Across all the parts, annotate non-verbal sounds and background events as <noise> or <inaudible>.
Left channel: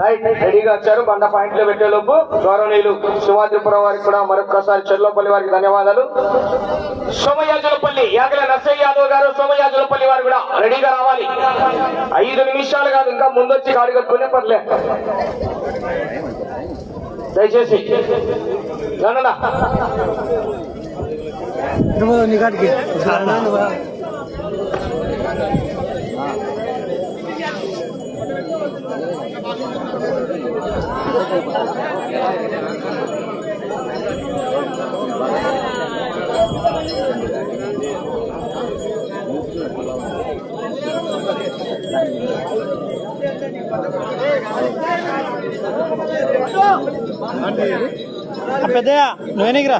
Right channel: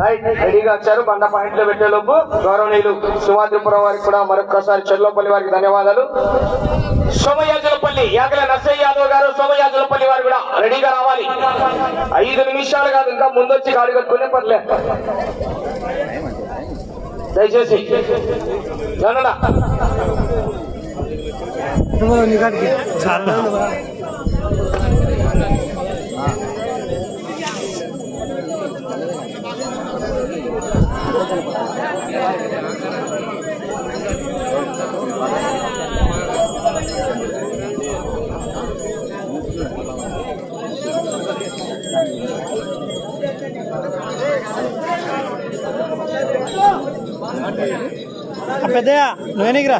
Right రెడీగా వచ్చారు. బండ పాయింట్లు పెట్టేలోపు గౌరవనీయులు సింహాద్రిపురం వారికి కూడా మరొకసారి చెర్లోపల్లి వారికి ధన్యవాదాలు. సోమయాజులపల్లి యాగల నర్సయ్య యాదవ్ గారు సోమయాజులపల్లి వారు కూడా రెడీగా రావాలి. ఐదు నిమిషాలు కాదు ఇంకా ముందొచ్చి గాడి కట్టుకునే పర్లే. దయచేసి జననా. పెద్దయా నువ్వేనికి రా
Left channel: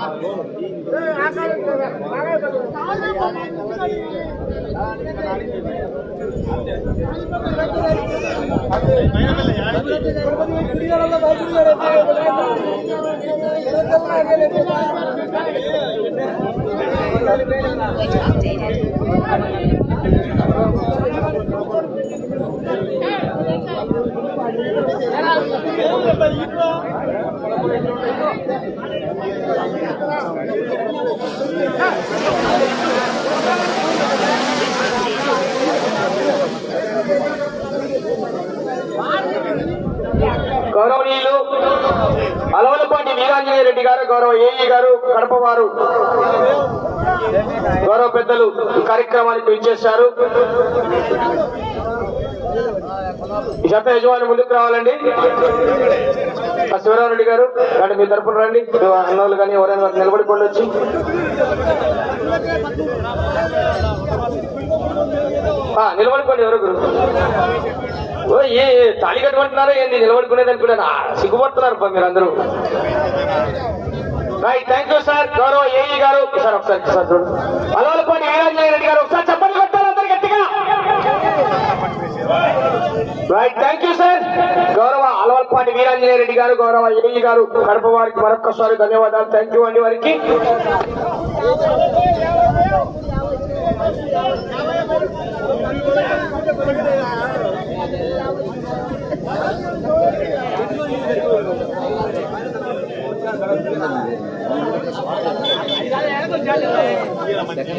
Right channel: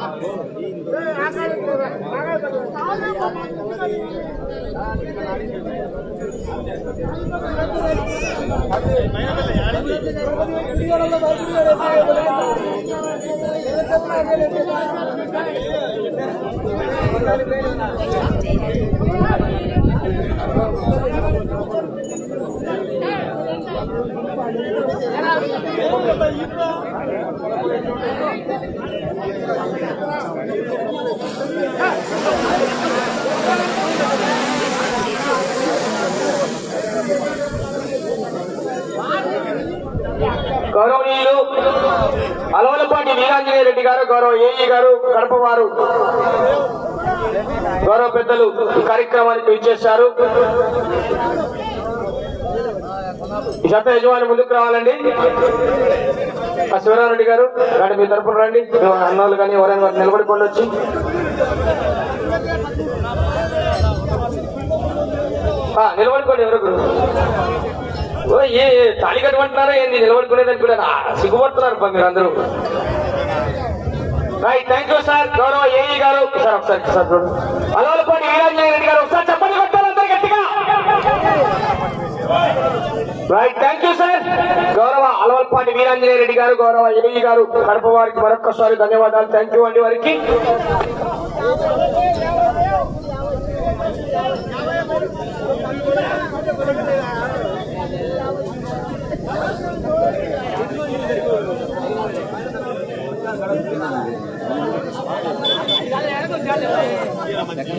అలవలపాటి వీరాంజనేయ రెడ్డి గారు గౌరవ ఏఈ గారు కడప వారు. గౌరవ పెద్దలు కార్యక్రమానికి విచ్చేశారు. జత యజమాని ముందుకు రావాలండి. ఆ గారు వాడి మీ తరపున రండి. అన్నోళ్ళు కానీ ఎవరైనా వారు నిలబడుకోండి వచ్చి. నిలబడుకోండి ఎవరు ఓ ఏ తాళి కట్టుకుంటున్నారా ఏంది? నిలబడుకునేదానికి కూడా సిగ్గుపడుతున్నారు సిగ్గుపడుతున్నారు అందరూ మీరందరూ థ్యాంక్ యూ సార్ గౌరవ ఏఈ గారు. సార్ ఒకసారి సార్ చూడండి. అలవలపాటి వీరాంజనేయ రెడ్డి గారు ఒకసారి చెప్పండి కొట్టారు అందరు గట్టిగా. రైట్ థ్యాంక్ యూ సార్ గౌరవ అలవల్పాటి వీరాంజనేయ రెడ్డి గారు గౌరవ ఏఈ గారు కడప వారికి మరొకసారి ధన్యవాదాలు. థ్యాంక్ యూ అండి వారికి.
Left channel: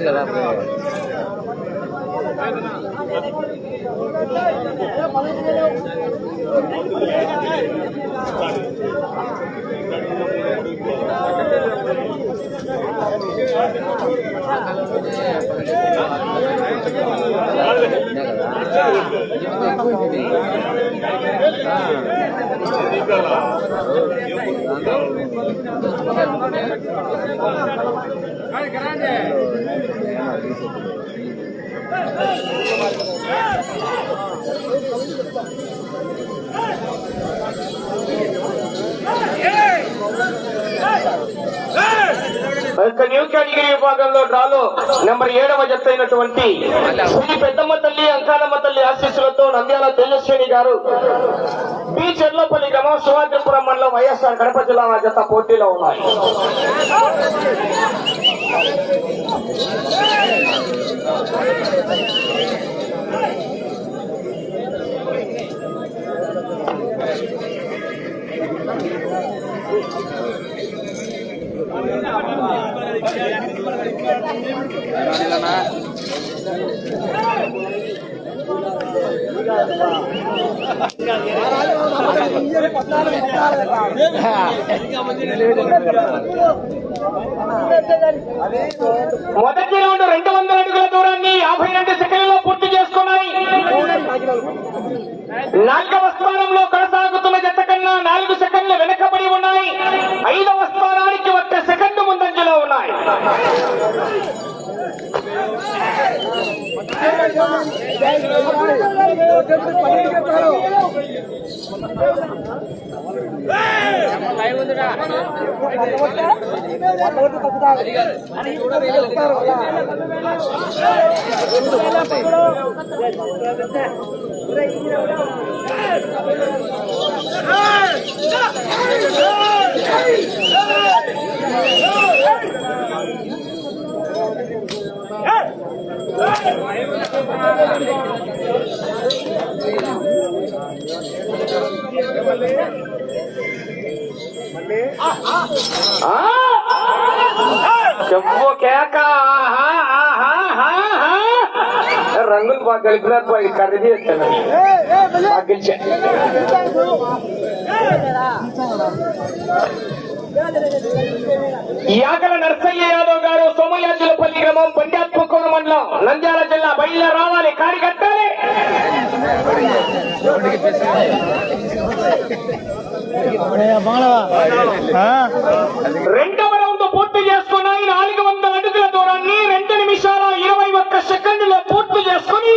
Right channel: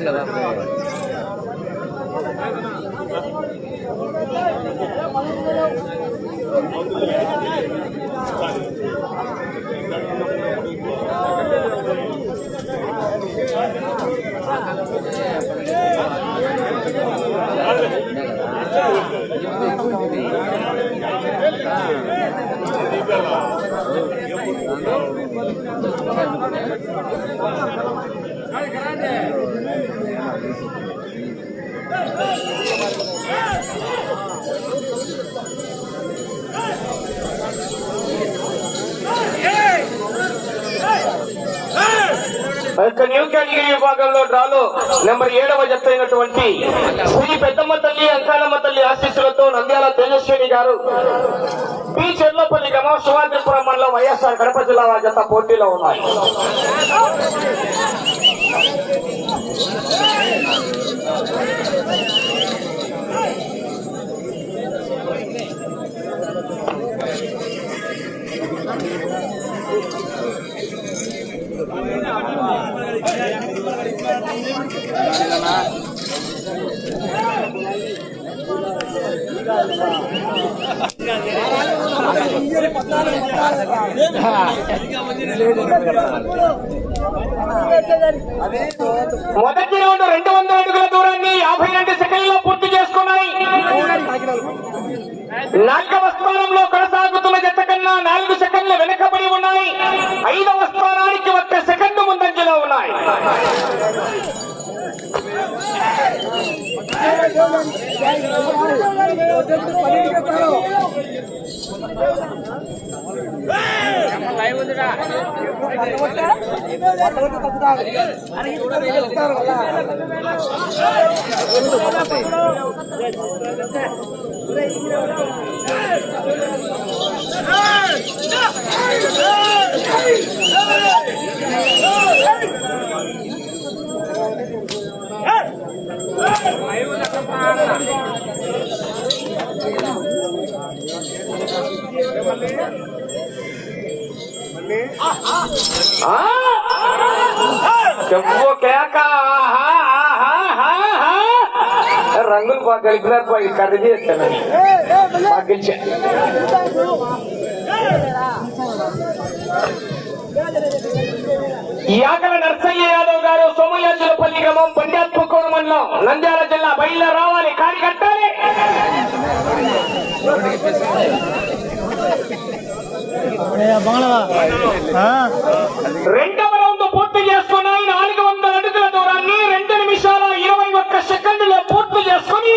కదా కేటగిరీ విభాగంలో డ్రాలో నెంబర్ ఏడవ జత అయినటువంటి శ్రీ పెద్దమ్మ తల్లి అంకాలమ్మ తల్లి ఆశీస్సులతో నంద్యాల తేజస్విని గారు బి. చెర్లపల్లి గ్రామం శివాజీపురం మండలం వైఎస్ఆర్ కడప జిల్లా జత పోటీలో ఉన్నాయి మొదటి రౌండ్ రెండు వందల అడుగుల దూరాన్ని యాభై రెండు సెకండ్లలో పూర్తి చేసుకున్నాయి. నాలుగవ స్థానంలో ముందంజలో ఉన్నాయి ఆ? చెప్పు కేక రంగులు బాగా గడిపినారు బాగా కథ చేస్తాను బాగా నర్సయ్య మండలం నంద్యాల జిల్లా బయలు రావాలి. కాడి కట్టాలి. రెండవ రౌండ్ పూర్తి చేసుకున్నాయి నాలుగు వందల అడుగుల దూరాన్ని రెండు నిమిషాల ఇరవై ఒక్క సెకండ్లో పూర్తి చేసుకుని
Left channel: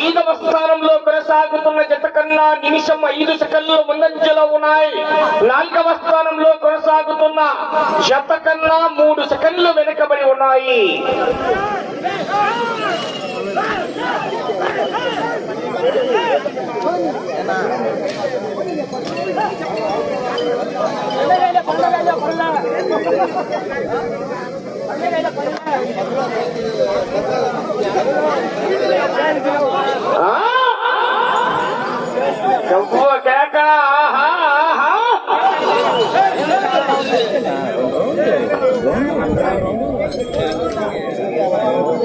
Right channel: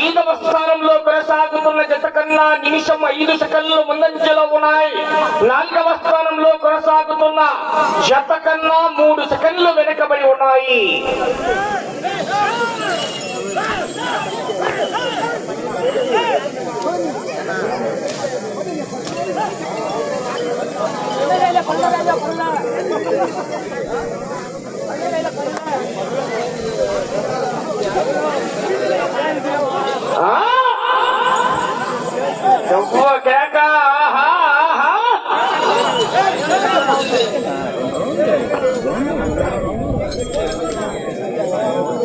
ఐదవ స్థానంలో కొనసాగుతున్న జత కన్నా నిమిషం ఐదు సెకండ్లు ముందంజలో ఉన్నాయి. నాలుగవ స్థానంలో కొనసాగుతున్న జత కన్నా మూడు సెకండ్లు వెనుకబడి ఉన్నాయి. ఆ?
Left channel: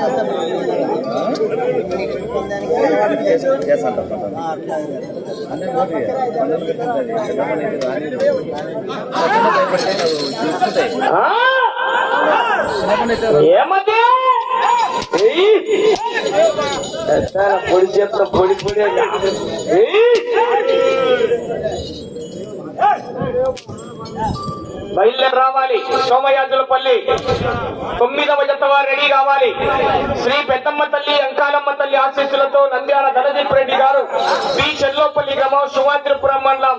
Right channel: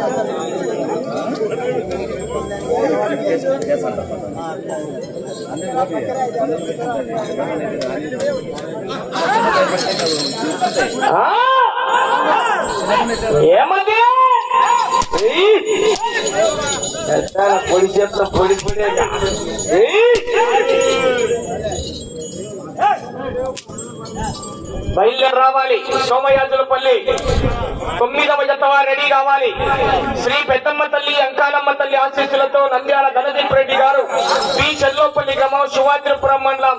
చెప్పు కేక పొడి పొడి పొడి బయలుదేరి రావాలి. సోమయాజులపల్లి. తొమ్మిదవ జత రెడీ కావాలి. శ్రీ పెద్దమ్మ తల్లి అంకాలమ్మ తల్లి ఆశీస్సులతో నంద్యాల ధనదీప్ రెడ్డి గారు శ్రీ చెల్లోపల్లి గ్రామం శివాద్రిపురం మండలం.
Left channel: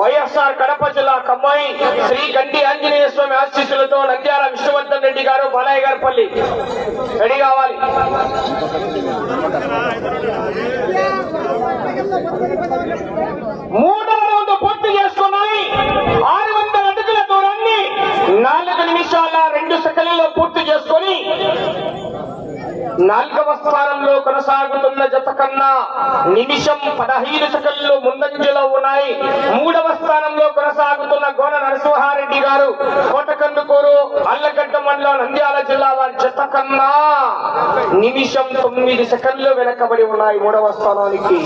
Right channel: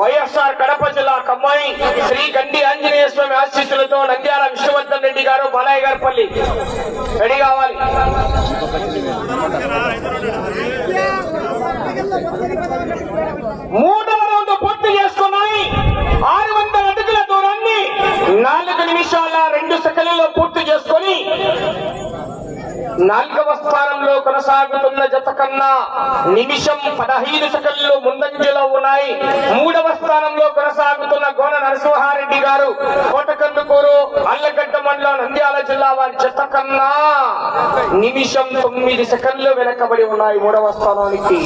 వైఎస్ఆర్ కడప జిల్లా కమ్మాయి శ్రీ గండి ఆంజనేయ స్వామి ఆశీస్సులతో నంద్యాల విష్ణువర్ధన్ రెడ్డి గారు బాలయ్య గారి పల్లి. రెడీ కావాలి మూడవ రౌండ్ పూర్తి చేసుకున్నాయి ఆరు వందల అడుగుల దూరాన్ని నాలుగు నిమిషాల రెండు సెకండ్లలో పూర్తి చేసుకొని నాలుగవ స్థానంలో కొనసాగుతున్న జత కన్నా నిమిషం పదహైదు సెకండ్లు ముందంజలో ఉన్నాయి. మూడవ స్థానంలో కొనసాగుతున్న గోన నరసింహారెడ్డి గారు కోటకందుకూరు అల్లగడ్డ మండలం నంద్యాల జిల్లా వారి జత కన్నా నిమిషం తొమ్మిది సెకండ్లు వెనకబడి ఉన్నాయి మూడవ స్థానానికి.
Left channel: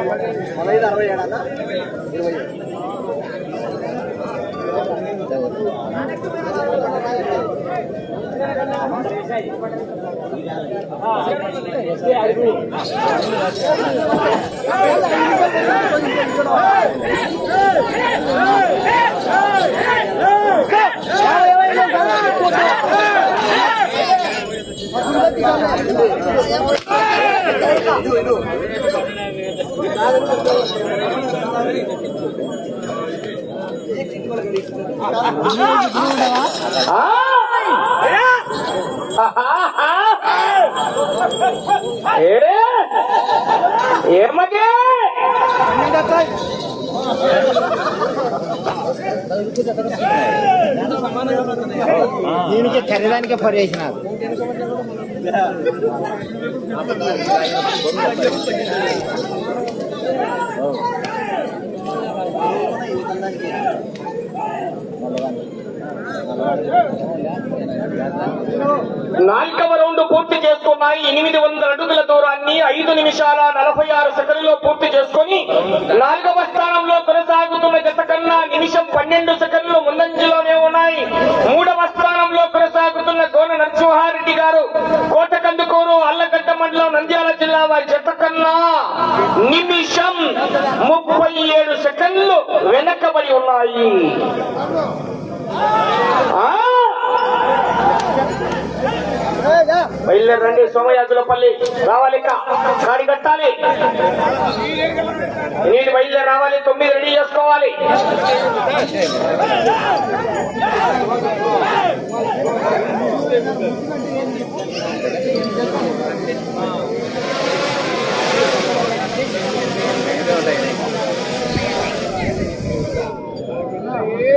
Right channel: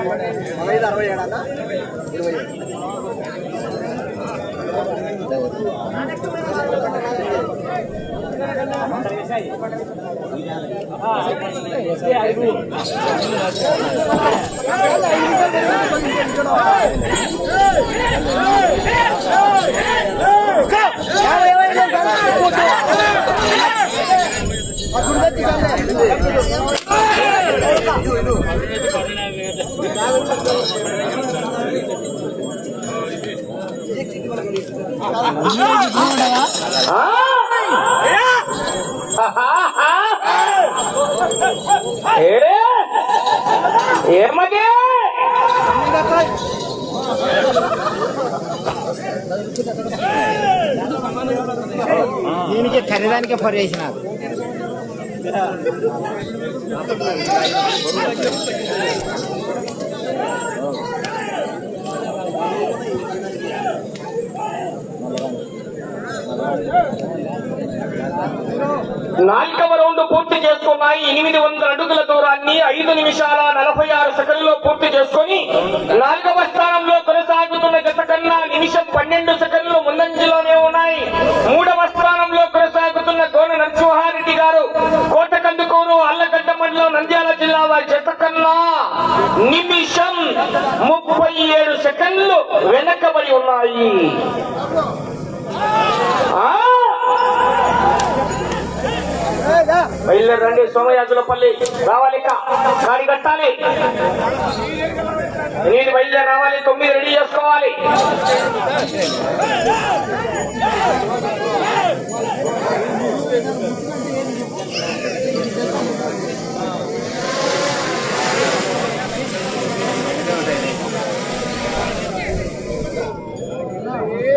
పదహైదు అరవై ఏడాలా ఇరవై ఆ? ఏ దీనికి ఖరీదానికే పడేసినారు నాలుగవ రౌండ్ పూర్తి చేసుకున్నాయి. ఎనిమిది వందల అడుగుల దూరాన్ని ఐదు నిమిషాల నలభై ఆరు సెకండ్లో పూర్తి చేసుకొని నాలుగవ స్థానంలో కొనసాగుతున్న జత కన్నా నిమిషం పన్నెండు సెకండ్లు ముందంజలోనే ఉన్నాయి. మూడవ స్థానం కొనసాగుతున్న గోన నరసింహారెడ్డి గారు కోటకందుకూరు అల్లగడ్డ మండలం నంద్యాల జిల్లా వారి చెప్పకన్నా కన్నా నిమిషం ముప్పై ఏడు సెకండ్లు వెనకబడి ఉన్నాయి. ఆ? బయలుదేరండి సోమయాజులపల్లి రావాలి ఇక. కట్టాలి. నేను బయలుదేరి రావాలి తొమ్మిది రెడీ చేసుకోవాలి. ఏది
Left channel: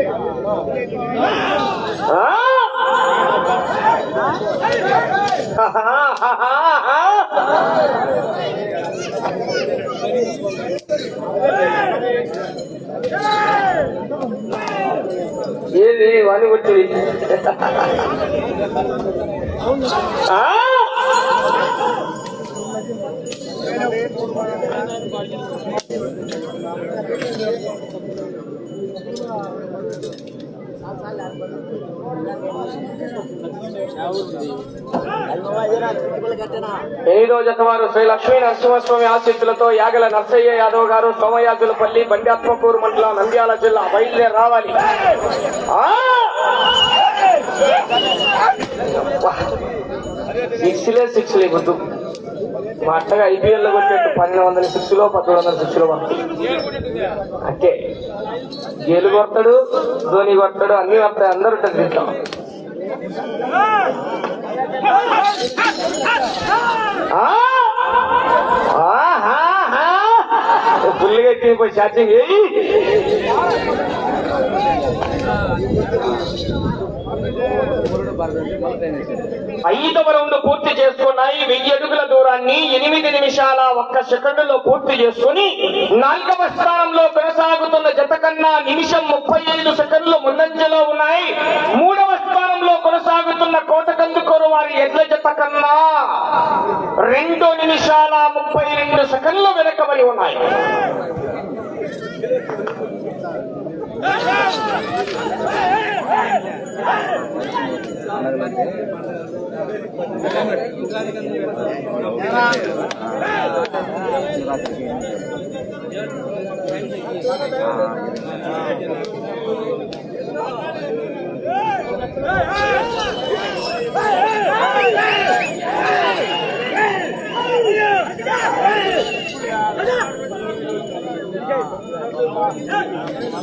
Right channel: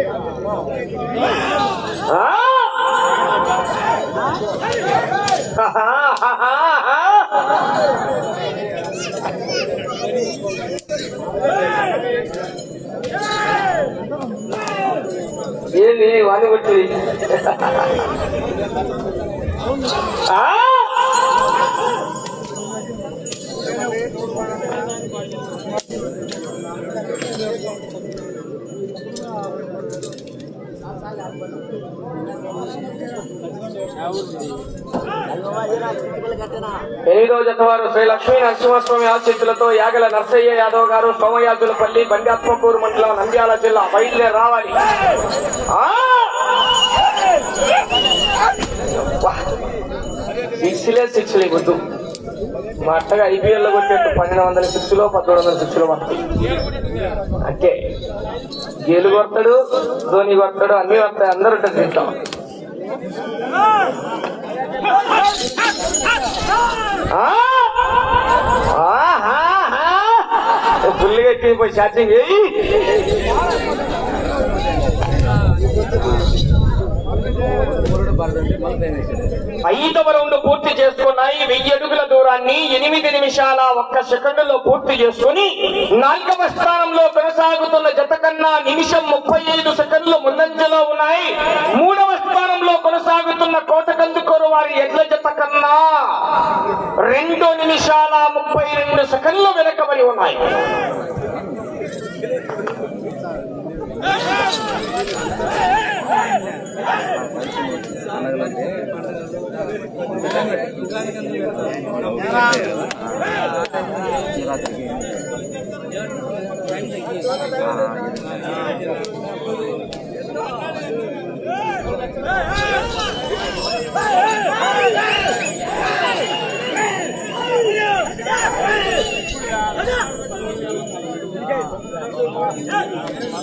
<laughs> <laughs> వాణి ఎనిమిదవ జత వారు శ్రీ లక్ష్మీ నరసింహస్వామి ఆశీస్సులతో యాగల నర్సయ్య యాదవ్ గారు సోమయాజులపల్లి బండాత్మపూర్ మండలం నంద్యాల జిల్లా బయలుదేరి రావాలి. సిక్స్లే సిక్స్లే గుర్తు మా అట్టగా ఐపీఎల్లో కొట్టేట్టు పన్నెండు వందల సిక్స్లో పదమూడు వందల సిక్స్లో పడుతుంది అంటే గేలు కొడతాడు ధోని కొడతాడు అన్ని వస్తాయి అందరూ ఉంటుంది దీంట్లో ఫుల్గా ఎక్కిపోయి ఛార్జింగ్ ఐదవ రౌండ్ పూర్తి చేసుకున్నాయి. వెయ్యి అడుగుల దూరాన్ని ఎనిమిది నిమిషాల ఒక్క సెకండ్లో పూర్తి చేసుకుని నాలుగవ స్థానంలో కొనసాగుతున్న జత కన్నా నిమిషం ముప్పై ఐదు సెకండ్లు ముందంజలో ఉన్నాయి. మూడవ స్థానంలో కొనసాగుతున్న కోటకందుకోరు వారి ఎడ్ల జత కన్నా రెండు నిమిషాల ముప్పై రెండు సెకండ్లు వెనకబడి ఉన్నాయి. Yeah.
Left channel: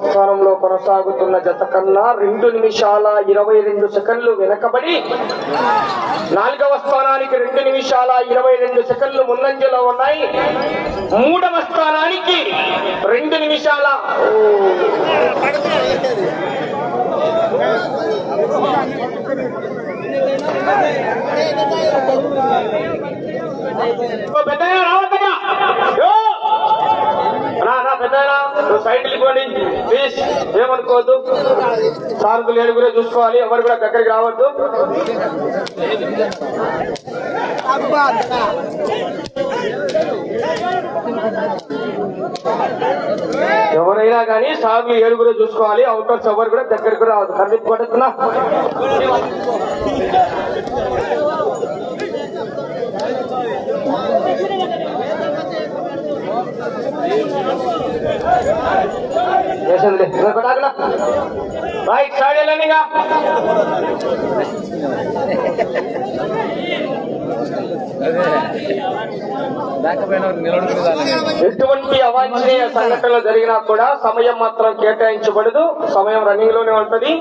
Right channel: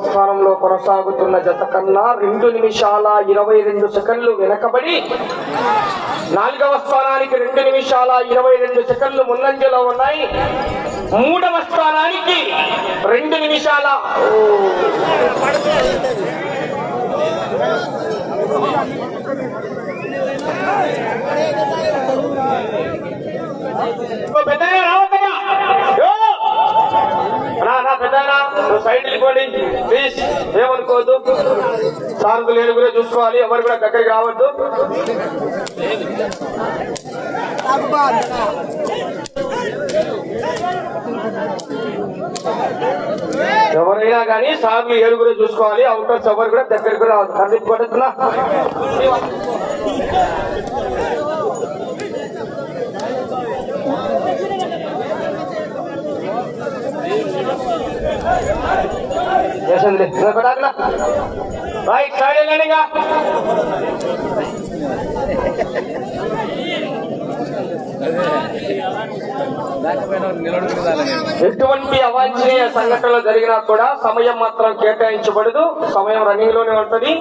స్థానంలో కొనసాగుతున్న జత కన్నా రెండు నిమిషాల ఇరవై రెండు సెకండ్లు వెనకబడి నాలుగవ స్థానానికి రెండు నిమిషాల ఇరవై రెండు సెకండ్లు ముందంజలో ఉన్నాయి. మూడవ స్థానానికి రెండు నిమిషాల నువ్వు సైడ్ వెళ్ళిపోండి ప్లీజ్ ఏమనుకోవద్దు సారథులు ఏడుగురే చూసుకోవాలి. ఎవరు కూడా దగ్గరికి రావద్దు. ఎవరైనా కానీ సార్లు ఏడుగురే చూసుకోవాలి. అవుటర్స్ ఎవరు కూడా దగ్గరికి రావద్దు. ఖండిత కొడుతున్నా చేసిందిలే ఇంకా. ఎటువంటి అవాంఛనీయ సంఘటనలు జరిగినా కూడా సమయం మాత్రం కేటాయించబడదు. సమయం రన్నింగ్లోనే ఉంటది.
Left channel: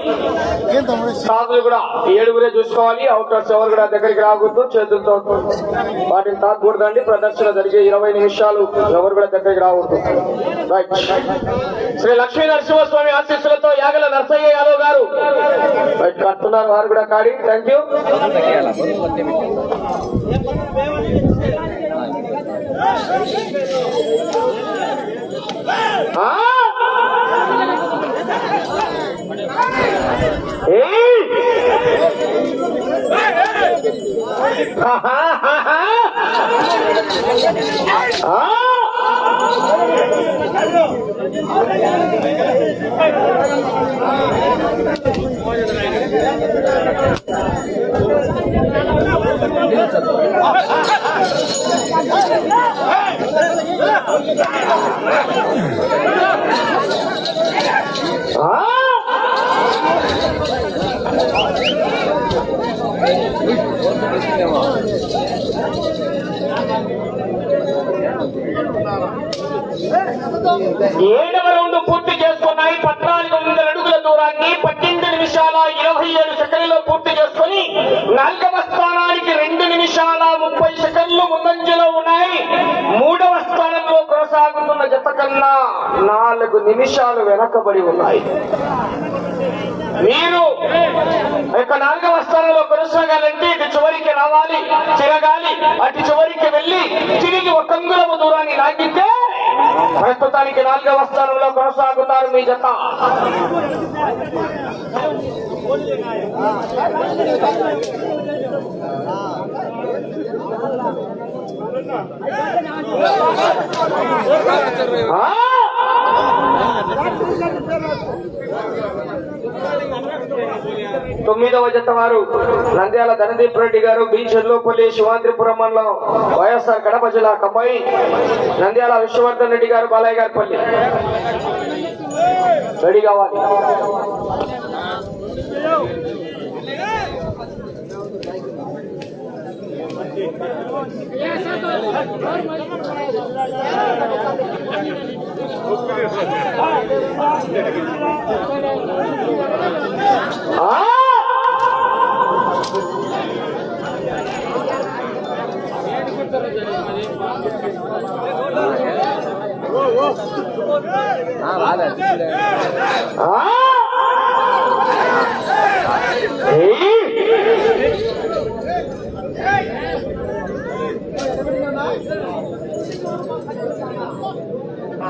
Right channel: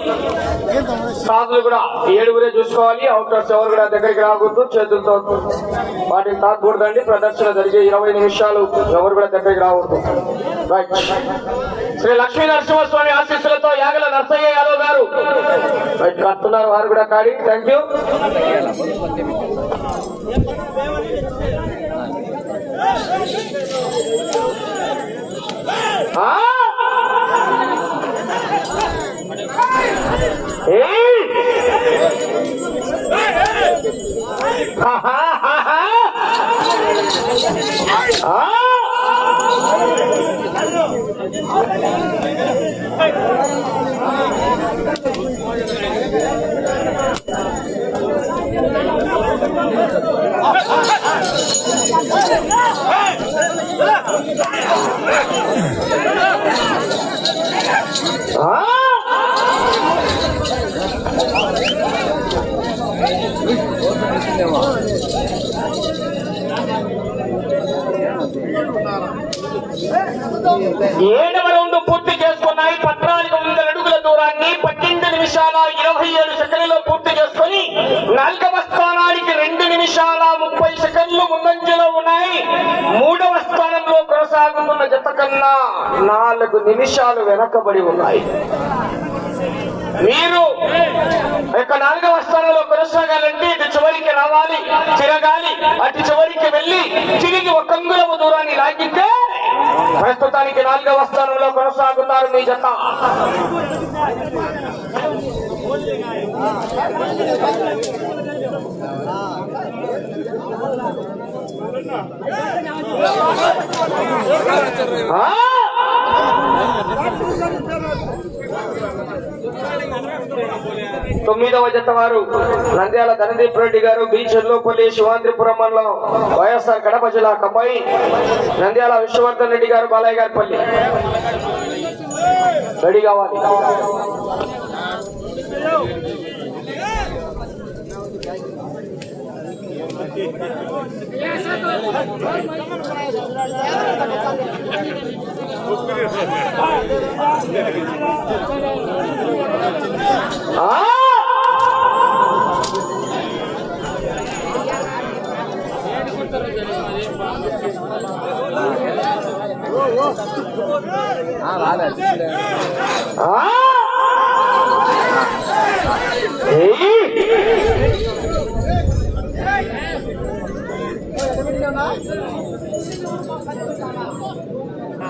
సాధులు కూడా ఏడుగురే చూసుకోవాలి. అవుటర్స్ ఎవరు కూడా దగ్గరికి రాకూడదు. చేతులతో వాటిని తాకూడదండి. ప్రదర్శన జరిగే ఇరవై నిమిషాలు ఎవరు కూడా దగ్గరికి రాకూడదు. రైట్ శ్రీ లక్ష్మీ నరసింహస్వామి ఆశీస్సులతో యాగల నర్సయ్య యాదవ్ గారు. రైట్ కడుతున్నారు వారు కూడా కాడి. థ్యాంక్ యూ ఆ! ఏడవ రౌండ్ పూర్తి చేసుకున్నాయి. పద్నాలుగు వందల అడుగుల దూరాన్ని పద్దెనిమిది నిమిషాల ఇరవై ఏడు సెకండ్లలో పూర్తి చేసుకుని నాలుగవ స్థానానికి రెండు నిమిషాల ముప్పై సెకండ్లు ముందంజలో ఉన్నాయి. మూడవ స్థానంలో కొనసాగుతున్న జత కన్నా నాలుగు నిమిషాలు వెనకబడి ఉన్నాయి. మీరు యొక్క నాలుగవ స్థానంలో కొనసాగాలంటే ఇటు చివరికి రావాలి తిరగాలి అటు చివరికి వెళ్ళి తిరిగి ఒక అంగుళము దూరాన్ని లాగితే ప్రస్తుతానికి నాలుగవ స్థానంలో కొనసాగుతారు మీ జత ఆ! తొమ్మిదవ జత వారు నంద్యాల ధనదీప్ రెడ్డి గారు బి చెర్లోపల్లి శివాంద్రిపురం మండలం వైఎస్ఆర్ కడప జిల్లా కమ్మాయి నంద్యాల విష్ణువర్ధన్ రెడ్డి గారు బాలయ్య గారి పల్లి రెడీ కావాలి ఆ! ఆ!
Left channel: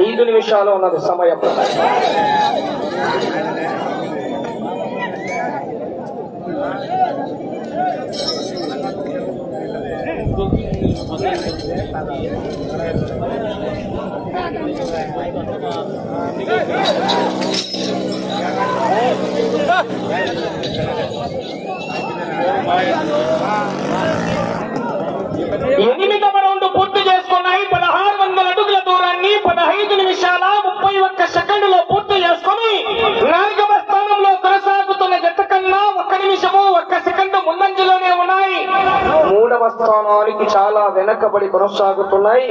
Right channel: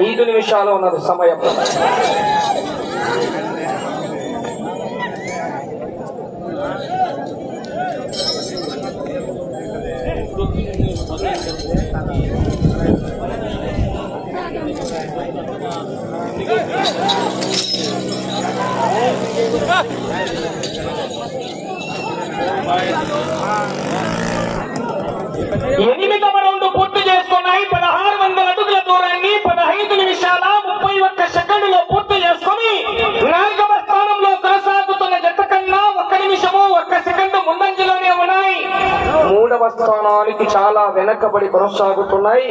ఐదు నిమిషాలు ఉన్నది సమయం Hey, hey, hey! <laughs> 是吧？对对对，快点，快点。మూడవ స్థానానికి చాలా వెనకబడి కొనసాగుతున్నాయి.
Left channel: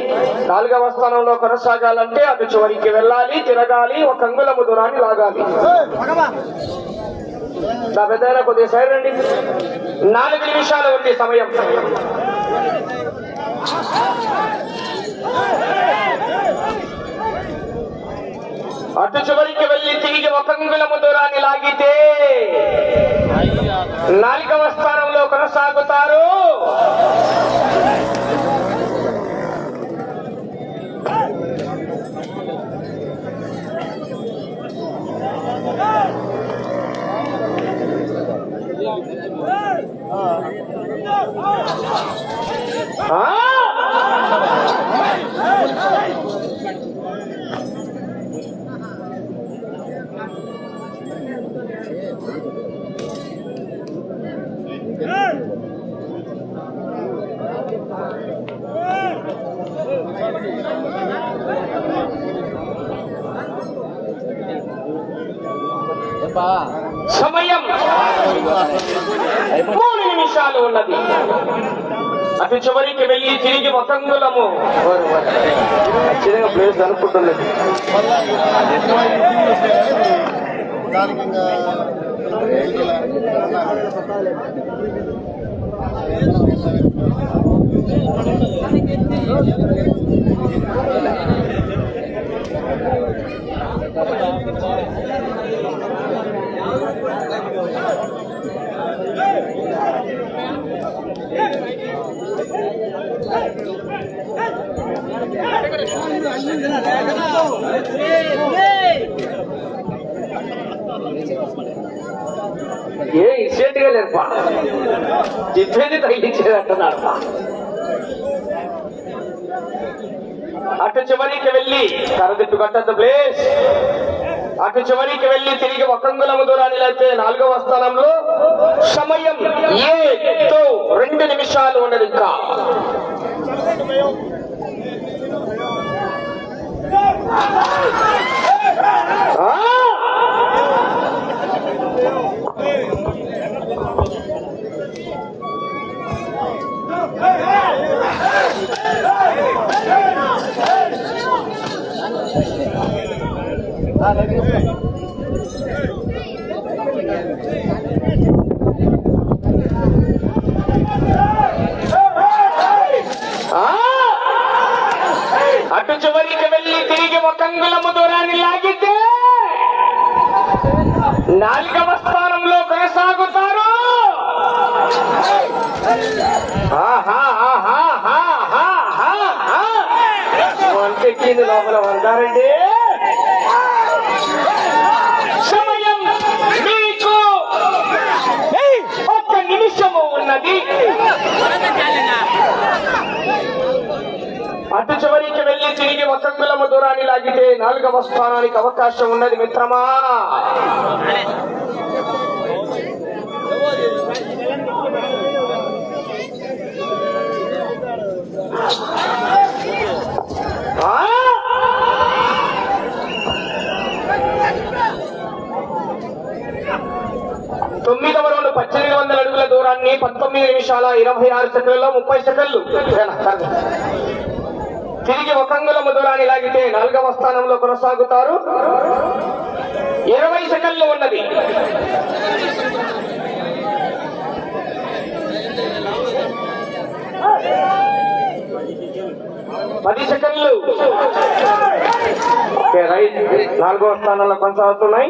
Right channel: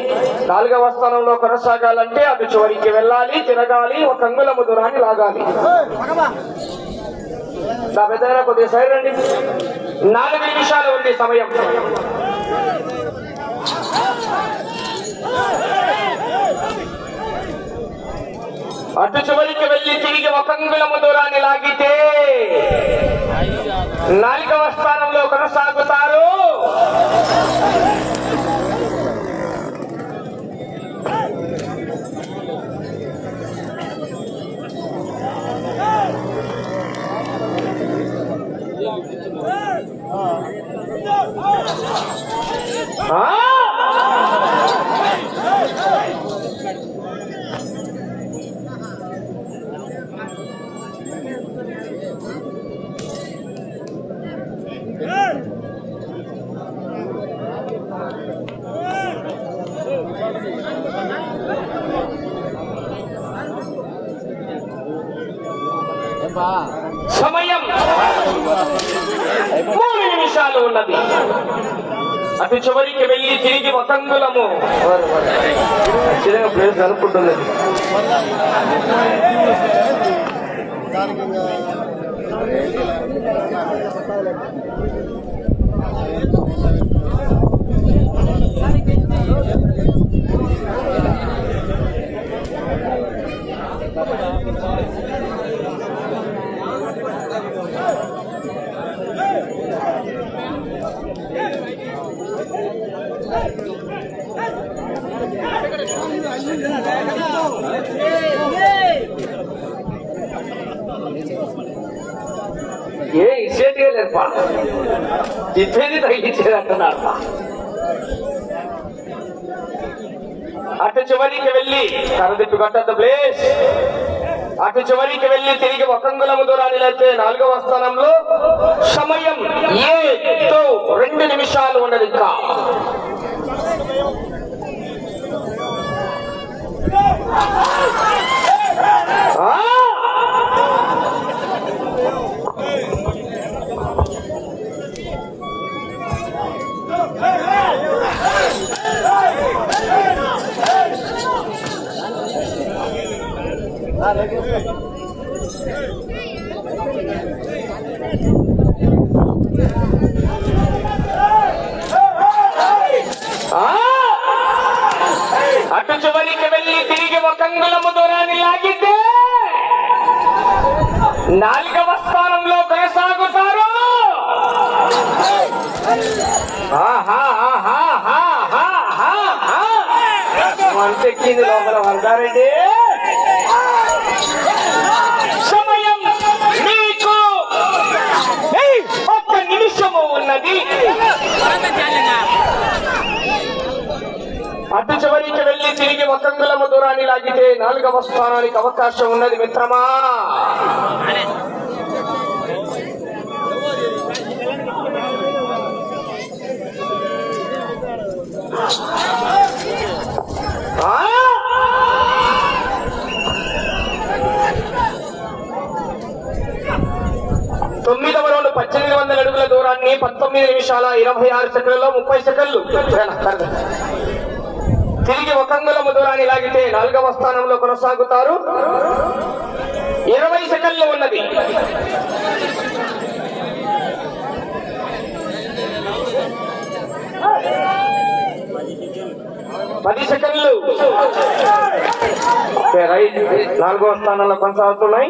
నాలుగవ స్థానంలో కొనసాగాలంటే అటు చివరికి వెళ్ళాలి తిరగాలి ఒక అంగుల దూరాన్ని లాగాలి. నా కొద్దిగా సైడ్ నాలుగు నిమిషాలు ఉంది సమయం. అటు చివరికి వెళ్ళి తిరిగి ఒక దూరాన్ని లాగితే నాలుగవ స్థానంలో కొనసాగుతారు ఆ! ప్లేస్ అనుకుంటుంది ఇద్దరిని తగ్గించేదంటున్నాడు అటు చివరికి వెళ్ళి కరదిట్టు కొట్టద్దు ప్లేస్ అటు చివరికి వెళ్ళి తిరిగి వసంగులము దూరాన్ని లేతే నాలుగవ స్థానంలో సమయం ఏ తో రెండు నిమిషాలు ఉండదు ఇంకా. చివరికి వెళ్ళి తిరిగి ఒక అంగుళము దూరాన్ని లాగితే నాలుగవ స్థానంలో కొనసాగుతారు. ఆహా, లోపల వందారండి సమయం మీకు. ఒక్క నిమిషము ఉన్నది. అటు చివరికి వెళ్ళి తిరిగి ఒక అంగుళము దూరాన్ని లాగితే నాలుగవ స్థానానికి అవకాశం ఉన్నది మిత్రమా? తొమ్మిదవ రౌండ్ పద్దెనిమిది వందల అడుగుల దూరాన్ని పంతొమ్మిది నిమిషాల ఇరవై ఆరు సెకండ్లలో ముప్పై సెకండ్లు. తిరిగి ఒక అంగుళము దూరాన్ని లాగితే నాలుగవ స్థానంలో కొనసాగుతారు. ఇరవై సెకండ్లు ఉన్నది. పది సెకండ్లు. రైట్. నాలుగవ స్థానంలో కొనసాగుతున్నాయి.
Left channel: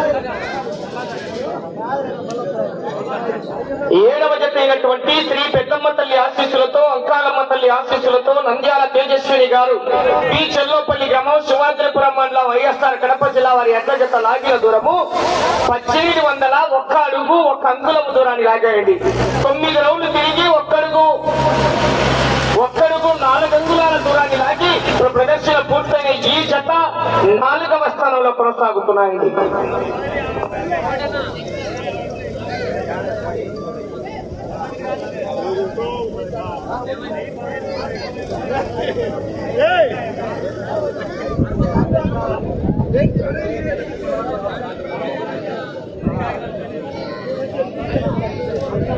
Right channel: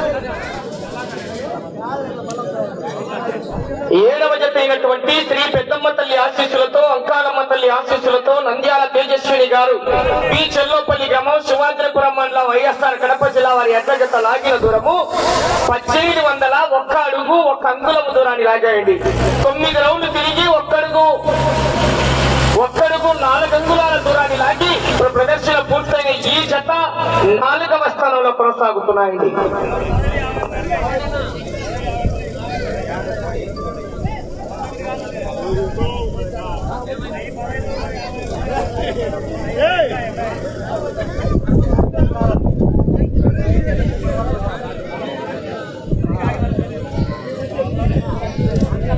తేజస్విని గారు పి చెల్లోపల్లి గ్రామం శివాద్రిపురం మండలం వైఎస్ఆర్ కడప జిల్లా వారి ఎడ్ల లాగిన దూరము పద్దెనిమిది వందల ఒక్క అడుగు ఒక్క అంగుళము దూరాన్ని లాగాయండి. తొమ్మిది రౌండ్లు తిరిగి ఒక్కడుగు ఒక్కడుగు నాలుగు అంగుళాల దూరాన్ని లాగి ఇప్పుడు ప్రదర్శన పూర్తయిన ఈ జత నాలుగవ స్థానంలో కొనసాగుతున్నాయండి.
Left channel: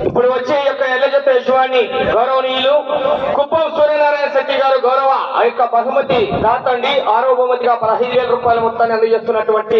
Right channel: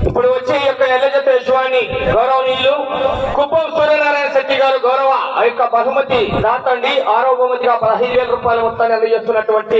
ఇప్పుడు వచ్చే యొక్క ఎల్ల జత గౌరవనీయులు కుప్పం సూర్యనారాయణ శెట్టి గారు గౌరవ ఆ యొక్క బహుమతి దాతండి. ఆరో బహుమతిగా పదహైదు వేల రూపాయల మొత్తాన్ని అందజేస్తున్నటువంటి